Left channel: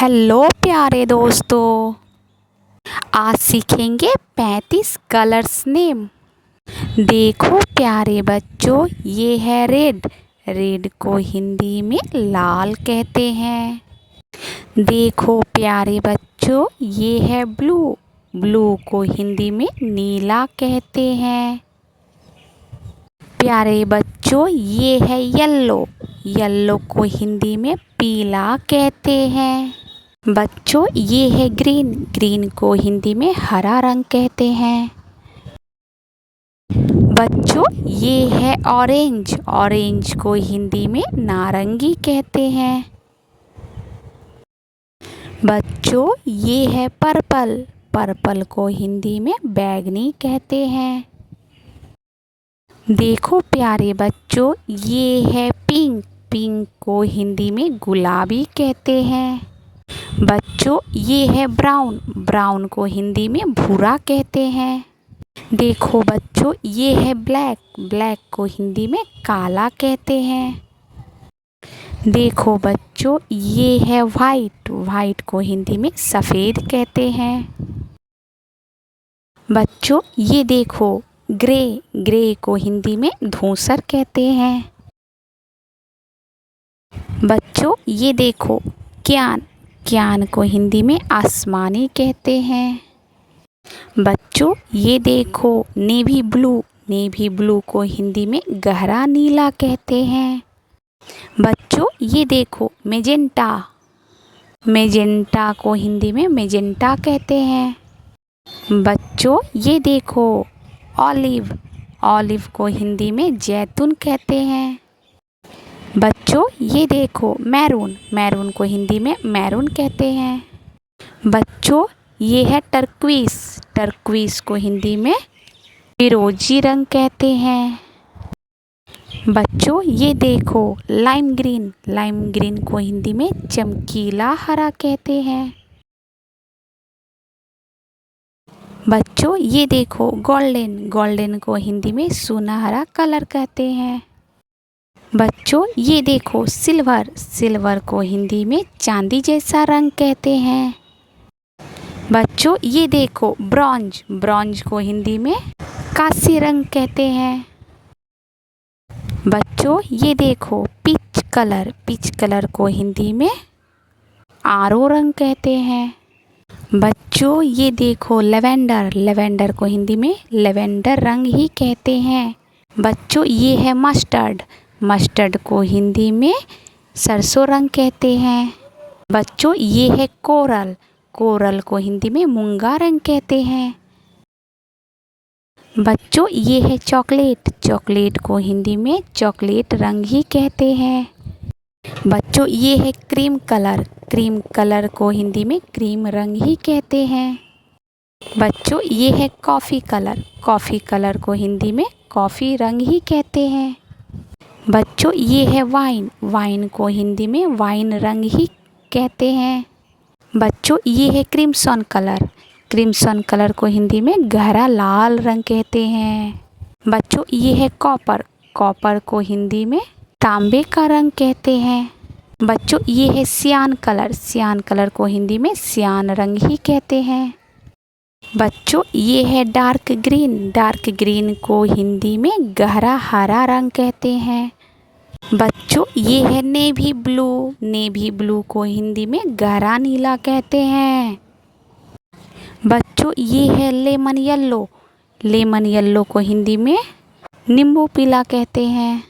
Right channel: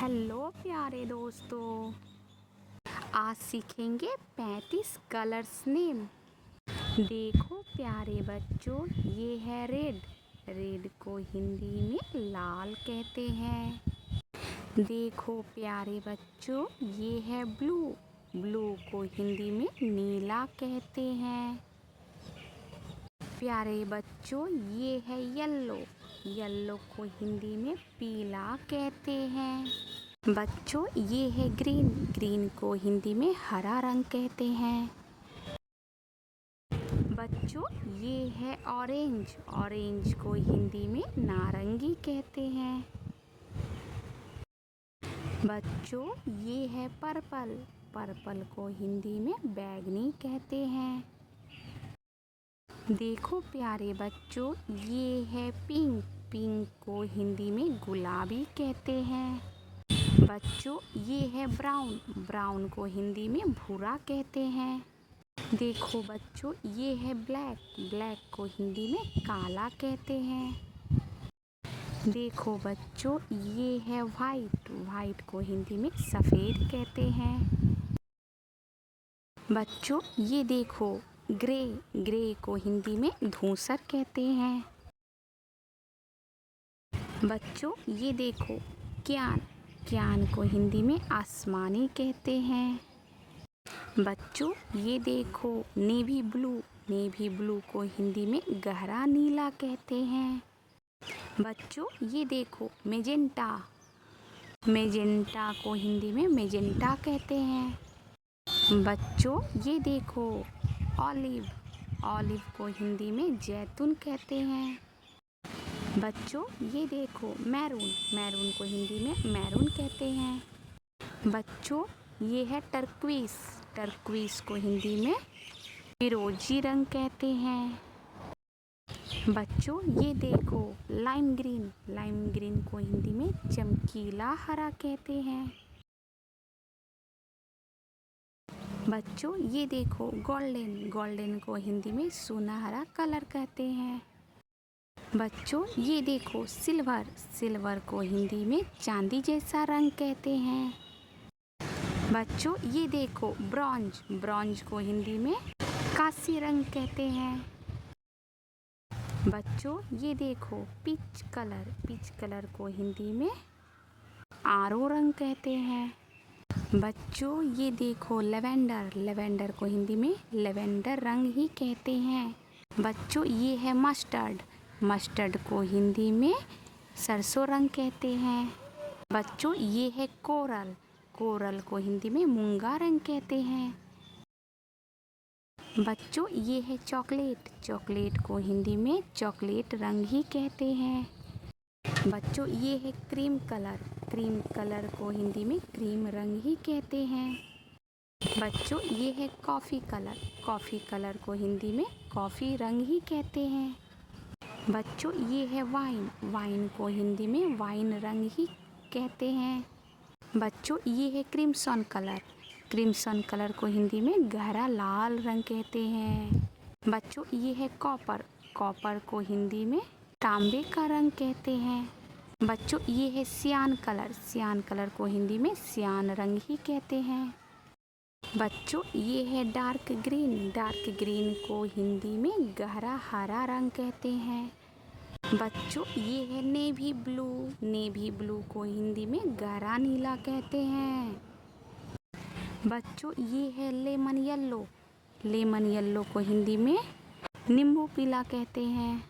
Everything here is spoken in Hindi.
हेलो प्यारे दोस्तों, आज सीखेंगे 35 कलर्स नेम। देखो प्यारे बच्चों, ये है रेड। रेड को हिंदी में लाल कहते हैं। देखो प्यारे बच्चों, ये है ब्लू। ब्लू को हिंदी में नीला कहते हैं। प्यारे बच्चों, ये है येलो। येलो को हिंदी में पीला कहते हैं। बच्चों, ये है ग्रीन। ग्रीन को हिंदी में हरा रंग कहते हैं। बच्चों, ये है ऑरेंज। ऑरेंज को हिंदी में नारंगी कहते हैं। बच्चों, ये है पर्पल। पर्पल को हिंदी में बैंगनी कहते हैं। देखो प्यारे बच्चों, ये है पिंक। पिंक को हिंदी में गुलाबी कहते हैं। बच्चों, ये है ब्राउन। ब्राउन को हिंदी में भूरा कहते हैं। देखो बच्चों, ये है ब्लैक। ब्लैक को हिंदी में काला कहते हैं। देखो बच्चों, ये है वाइट। वाइट को हिंदी में सफ़ेद कहते हैं। बच्चों, ये देखो ग्रे। ग्रे को हिंदी में धूसर कहते हैं। बच्चों, ये देखो क्यान। क्यान को हिंदी में आसमानी कहते हैं। बच्चों, ये देखो नेवी ब्लू। नेवी ब्लू को हिंदी में गहरा नीला कहते हैं। बच्चों, ये देखो मेजेंटा। मेजेंटा को हिंदी में मेजेंटा कहते हैं। बच्चों, ये देखो ऑलिव। ऑलिव को हिंदी में जैतून कहते हैं। बच्चों, ये देखो मैरून। मैरून को हिंदी में मैरून कहते हैं। बच्चों, ये है टर्क्विस। टर्क्विस को हिंदी में फिरोजी रंग कहते हैं। बच्चों, ये देखो लाइम ग्रीन। लाइम ग्रीन को हिंदी में चमकीला हरा कहते हैं। बच्चों, ये देखो गोल्डन। गोल्डन को हिंदी में सुनहरा कलर कहते हैं। बच्चों, ये देखो सिल्वर। सिल्वर को हिंदी में चांदी जैसा रंग कहते हैं। बच्चों, ये देखो ब्रॉन्ज। ब्रॉन्ज को हिंदी में कांस्य रंग कहते हैं। बच्चों, ये देखो पीच कलर। पीच कलर को हिंदी में आरो रंग कहते हैं। बच्चों, ये देखो लेवेंडर। लेवेंडर को हिंदी में लेवेंडर रंग ही कहते हैं। बच्चों, ये है मस्टर्ड। मस्टर्ड को हिंदी में सरसों रंग कहते हैं। बच्चों, ये है कोरल। कोरल को हिंदी में मूंगा रंग कहते हैं। बच्चों, ये है चॉकलेट। चॉकलेट को हिंदी में चॉकलेट रंग ही कहते हैं। बच्चों, ये है क्रीम कलर। क्रीम कलर को हिंदी में क्रीम रंग ही कहते हैं। बच्चों, ये है कॉफ़ी कलर। कॉफ़ी कलर को हिंदी में कॉफ़ी रंग ही कहते हैं। बच्चों, ये है वाइन। वाइन को हिंदी में वाइन रंग ही कहते हैं। बच्चों, ये है क्रिम्सन कलर। क्रिम्सन कलर को हिंदी में गहरा लाल रंग कहते हैं। बच्चों, ये है कॉपर। कॉपर को हिंदी में तांबे का रंग कहते हैं। बच्चों, ये है सियान कलर। सियान कलर को हिंदी में सियान रंग ही कहते हैं। बच्चों, ये है डार्क ग्रीन। डार्क ग्रीन को हिंदी में गहरा हरा रंग कहते हैं। बच्चों, ये है नेवी ब्लू। नेवी ब्लू को हिंदी में गहरा नीला कहते हैं। बच्चों, ये है लेमन येलो। लेमन येलो को हिंदी में नींबू पीला कहते हैं।